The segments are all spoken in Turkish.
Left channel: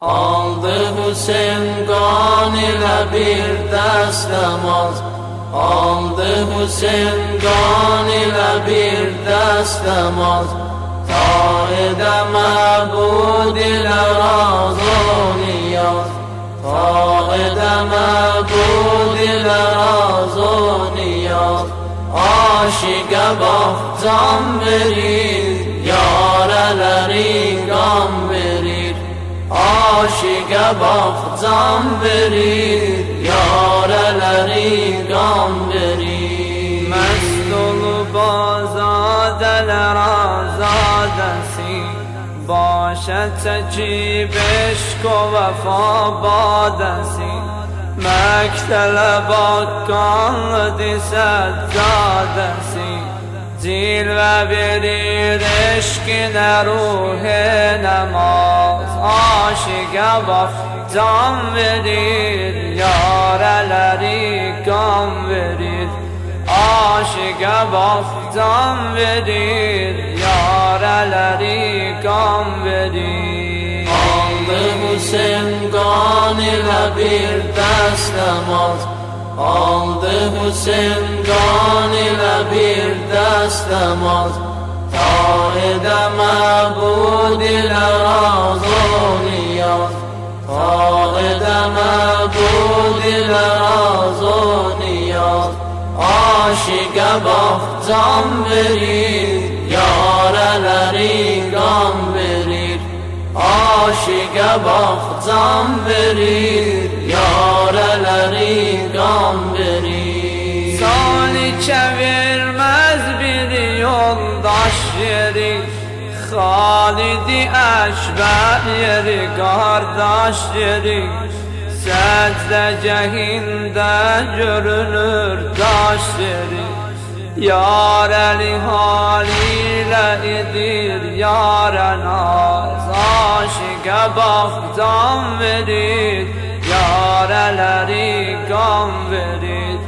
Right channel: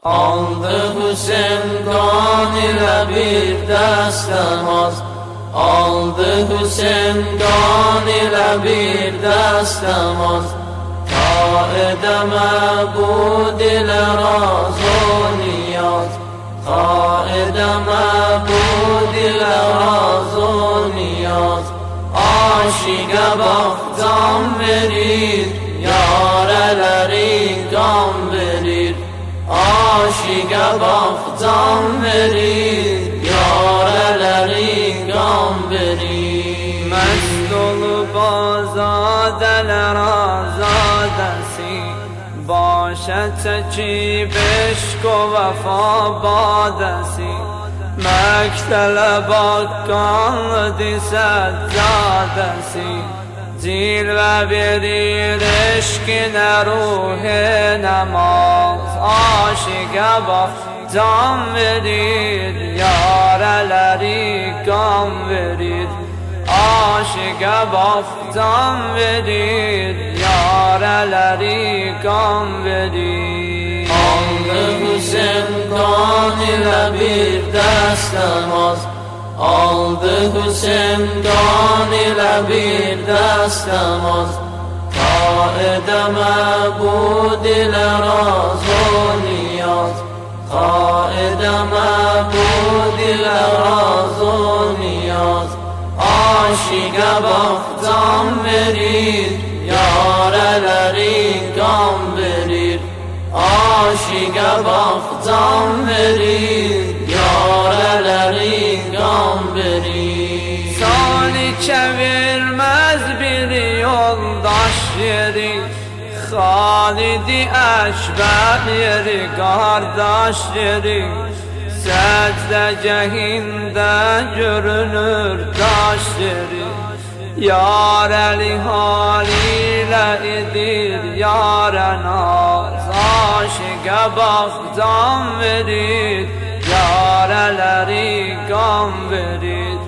Aldı Hüseyin kan ile bir dest namaz. Aldı Hüseyin kan ile bir dest namaz. Ta edeme bu dile razı niyaz. Ta edeme bu dile razı niyaz. Aşıka baktan verir, yareleri gam verir. Aşıka baktan verir, yareleri gam verir. Mest olup azadeler azadesi, başa çekip eşk o vefa badesi. Mektele bakkanlıdır seccadesi, cilve verir eşkine ruh-i namaz. Aşıka bak can verir, yareleri gam verir. Aşıka bak can verir, yareleri gam verir. Aldı Hüseyin kan ile bir dest namaz. Aldı Hüseyin kan ile bir dest namaz. Ta edeme bu dile razı niyaz. Ta edeme bu dile razı niyaz. Aşıka baktan verir, yareleri gam verir. Aşıka baktan verir, yareleri gam verir. Salike vermez bir yoldaş yeri, Halid-i Ekber yeri, kardeş yeri. Secdegahinde görünür taş yeri. Yareli haliyle idir yâre naz. Aşıka baktan verir, yareleri gam verir.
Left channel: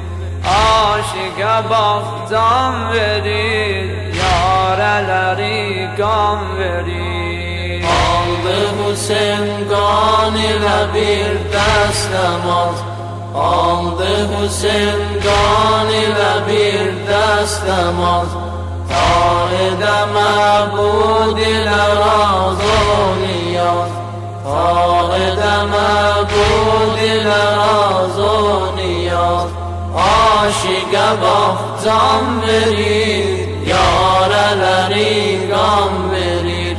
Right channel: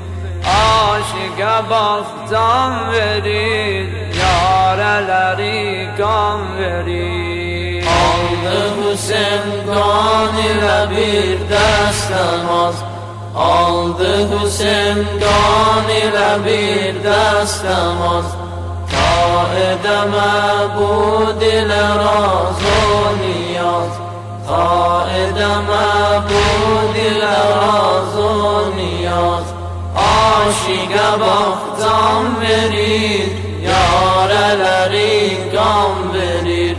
Aşıka baktan verir, yareleri gam verir. Aldı Hüseyin kan ile bir dest namaz. Aldı Hüseyin kan ile bir dest namaz. Ta edeme bu dile razı niyaz. Ta edeme bu dile razı niyaz. Aşıka baktan verir, yareleri gam verir.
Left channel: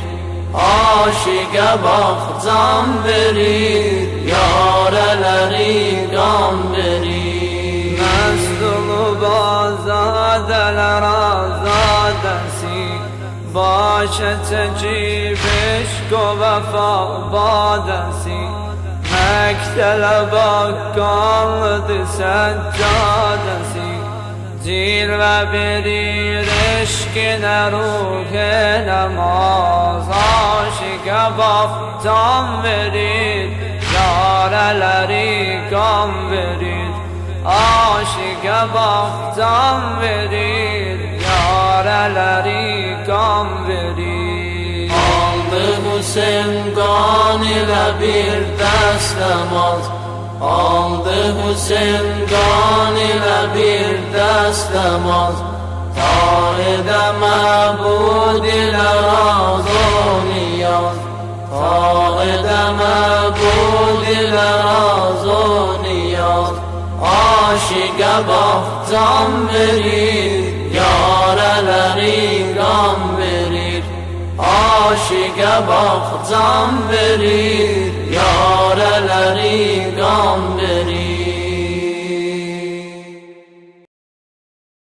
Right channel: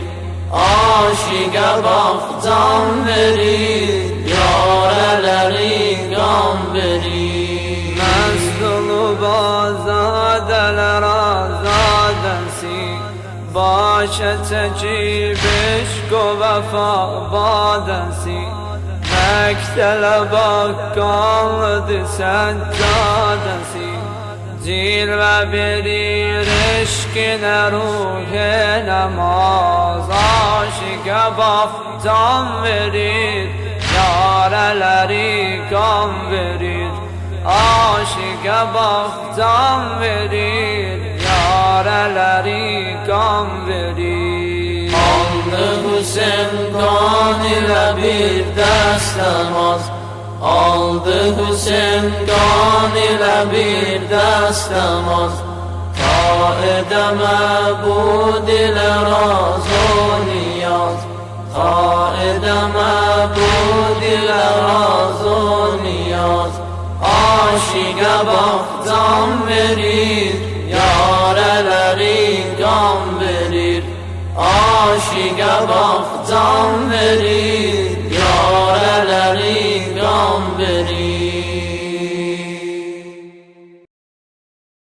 Aşıka baktan verir, yareleri gam verir. Mest olup azadeler azadesi, başa çekip eşk o vefa badesi. Mektele bakkanlıdır seccadesi, cilve verir eşkine ruh-i namaz. Aşıka baktan verir, yareleri gam verir. Aşıka baktan verir, yareleri gam verir. Aldı Hüseyin kan ile bir dest namaz. Aldı Hüseyin kan ile bir dest namaz. Ta edeme bu dile razı niyaz. Ta edeme bu dile razı niyaz. Aşıka baktan verir, yareleri gam verir. Aşıka baktan verir,